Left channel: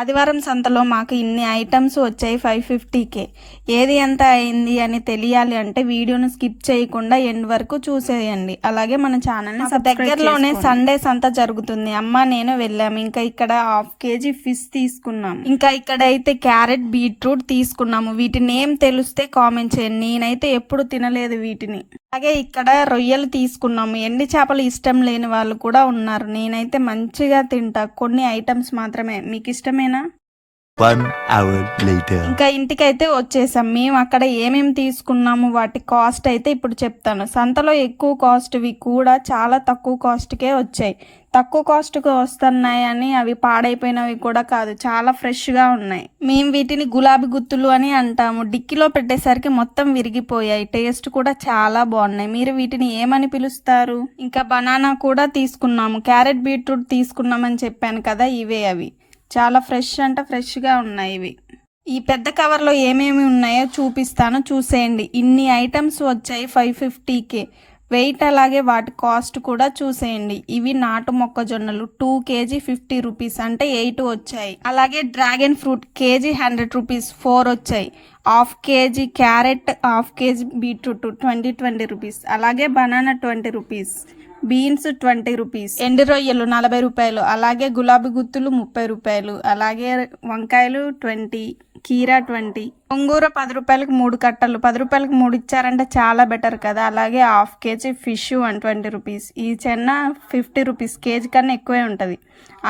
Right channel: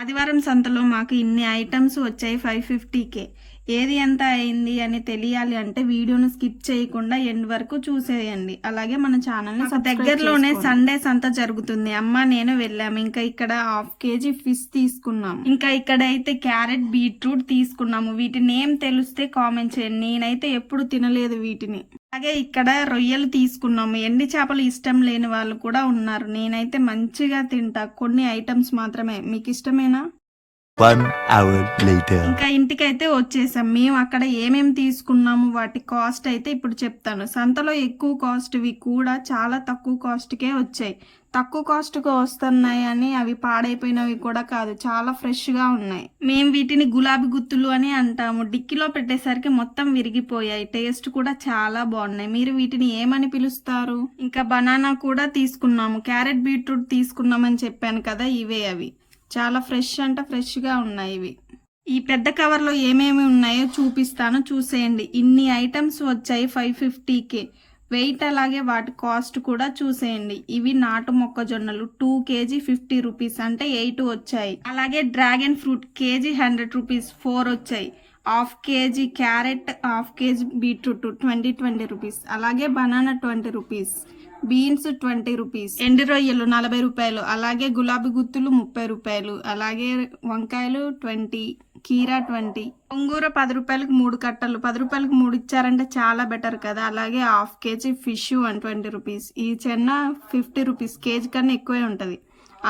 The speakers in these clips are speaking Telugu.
ఆదివారం సంతలో మాకు ఇన్ని ఐటమ్స్ వచ్చాయి 550కే. ఏది ఎంత అయింది అని తెలియాలి అంటే వీడియోను స్కిప్ చేయకుండా ఎండ్ వరకు చూసేయండి. అలాగే మన ఛానల్ని దగ్గరలోనే సండే సంత జరుగుతుంది. అమ్మ నేను వెళ్ళాము. ఇంకా ఇక్కడ 1/2 kg ఫిష్ తీసుకున్నాం. ఇంకా ఇక్కడైతే క్యారెట్ బీట్రూట్ తీసుకున్నాము. వీటి నేమ్ తెలిస్తే కామెంట్ చేయండి. నేనైతే ఎప్పుడు తినలేదు వీటిని. అలాగే ఇక్కడ రొయ్యలు తీసుకున్నాము. ఎండి చేపలు ఇష్టం లేని వాళ్ళు కూడా ఉన్నారు. నేనైతే మంచిగా తింటా. కొన్ని ఐటమ్స్ మాత్రమే. మీకు ఇష్టమేనా? 1 hour later. ఇంకా ఇంటికైతే వచ్చేసాం. మేము అక్కడ ఏమేమి తీసుకున్నాము వాటి కాస్ట్ అయితే ఇప్పుడు చెప్తాను. సంతలో ఎక్కువ కాస్ట్వి కూడా చాలా తక్కువ కాస్ట్కే వచ్చాయి. తక్కువ కాస్ట్కి వస్తున్నాయని అవి పాడైపోయినవి కూడా కాదు, చాలా ఫ్రెష్గా ఉన్నాయి. మేము వీటిని గులాబీ గుత్తులు అని అంటాము. డిక్కీలో పెట్టేసరికి మొత్తం విరిగిపోయాయి. టేస్ట్ కూడా చాలా బాగున్నాయి. మీరు వీటిని ఏమని పిలుస్తారు? ఇంకా బనానా కూడా తీసుకున్నాము. క్యారెట్ బీట్రూట్ తీసుకున్నామని చెప్పాను కదా, ఇవే అవి. చాలా ఫ్రెష్ అంటే ఫ్రెష్గా ఉన్నాయి ఇవి. ఈ పెద్ద కవర్లో ఏమేమి ఉన్నాయో చూపిస్తాను, చూసేయండి. ఇన్ని ఐటమ్స్ వచ్చాయి 550కే. వెయిట్ అలాగే వాటి కాస్ట్ కూడా చూసేయండి. ఇవి నాటు మొక్కజొన్నలు 2 kg 50 రూపీస్ అంటే 8 వచ్చాయి. అలాగే డ్రాగన్ ఫ్రూట్ కేజీ 100 రూపీస్ 4 వచ్చాయి. 1/2 kg carrot, 1/2 kg beetroot 20 rupees. అలాగే బనానా 20 రూపీస్, బీన్స్ 20 రూపీస్, ఎండు రొయ్యలు 40 రూపాయలు, అలాగే గులాబీ గుత్తులు 30 రూపాయలు, అలాగే వంకాయలు 20, కీరా 20, గోంగూర 10 రూపాయలకి 3 కట్టలు. 10 రూపాయలకి 3 ఇచ్చారంటే చాలా బెటర్ కదా. అలాగే 1/2 kg ఫిష్ 120 రూపీస్. ఈ చెన్న 50 రూపీస్, కేజీ కన్నా ఎక్కువే ఉంటుంది.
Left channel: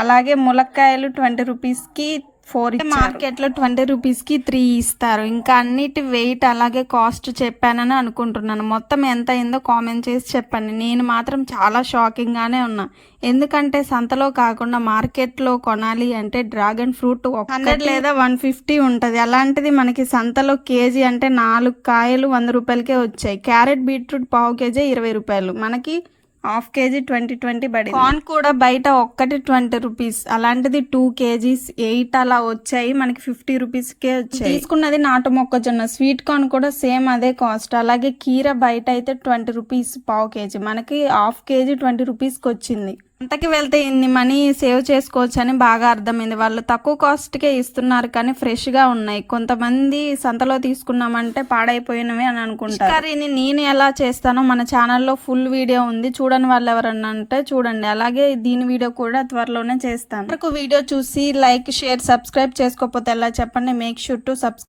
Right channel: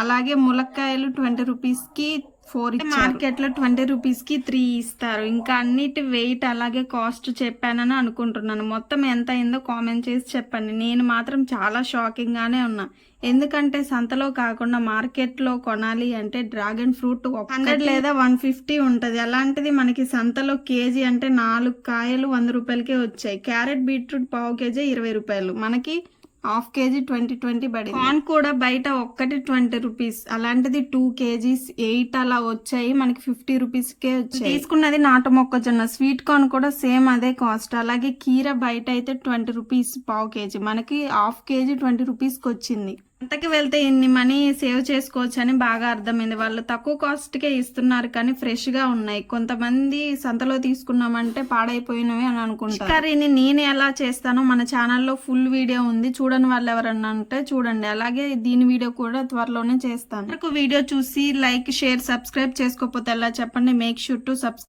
అలాగే ములక్కాయలు 20 రూపీస్కి 4 ఇచ్చారు. మార్కెట్లో 20 రూపీస్కి 3 ఇస్తారు. ఇంకా అన్నిటి వెయిట్ అలాగే కాస్ట్ చెప్పానని అనుకుంటున్నాను. మొత్తం ఎంత అయిందో కామెంట్ చేసి చెప్పండి. నేను మాత్రం చాలా షాకింగ్గానే ఉన్నా. ఎందుకంటే సంతలో కాకుండా మార్కెట్లో కొనాలి అంటే డ్రాగన్ ఫ్రూట్ 100 లేదా 150 ఉంటుంది. అలాంటిది మనకి సంతలో కేజీ అంటే 4 కాయలు 100 రూపాయలకే వచ్చాయి. క్యారెట్ బీట్రూట్ 1/2 kg 20 రూపాయలు, మనకి 1/2 kg 20 పడి. కార్న్ కూడా బయట ఒక్కటి 20 రూపీస్, అలాంటిది 2 kgs 8 అలా వచ్చాయి. మనకి 50 రూపీస్కే వచ్చాయి. తీసుకున్నది నాటు మొక్కజొన్న. స్వీట్ కార్న్ కూడా సేమ్ అదే కాస్ట్. అలాగే కీర బయట అయితే 20 రూపీస్ 1/2 kg, మనకి 1/2 kg 20 రూపీస్కి వచ్చింది. అంతకి వెళ్తే ఇన్ని మనీ సేవ్ చేసుకోవచ్చు అని బాగా అర్థమైంది. వాళ్ళు తక్కువ కాస్ట్కే ఇస్తున్నారు కానీ ఫ్రెష్గా ఉన్నాయి. కొంతమంది సంతలో తీసుకున్నామంటే పాడైపోయినవి అని అనుకుంటారు. కర్రీని నేను ఎలా చేస్తానో మన ఛానల్లో ఫుల్ వీడియో ఉంది, చూడని వాళ్ళు ఎవరన్నా అంటే చూడండి. అలాగే దీని వీడియో కూడా త్వరలోనే చేస్తాను. వీడియో చూసి లైక్, షేర్, సబ్స్క్రైబ్ చేసుకోకపోతే ఎలా చెప్పండి. Make sure to subscribe.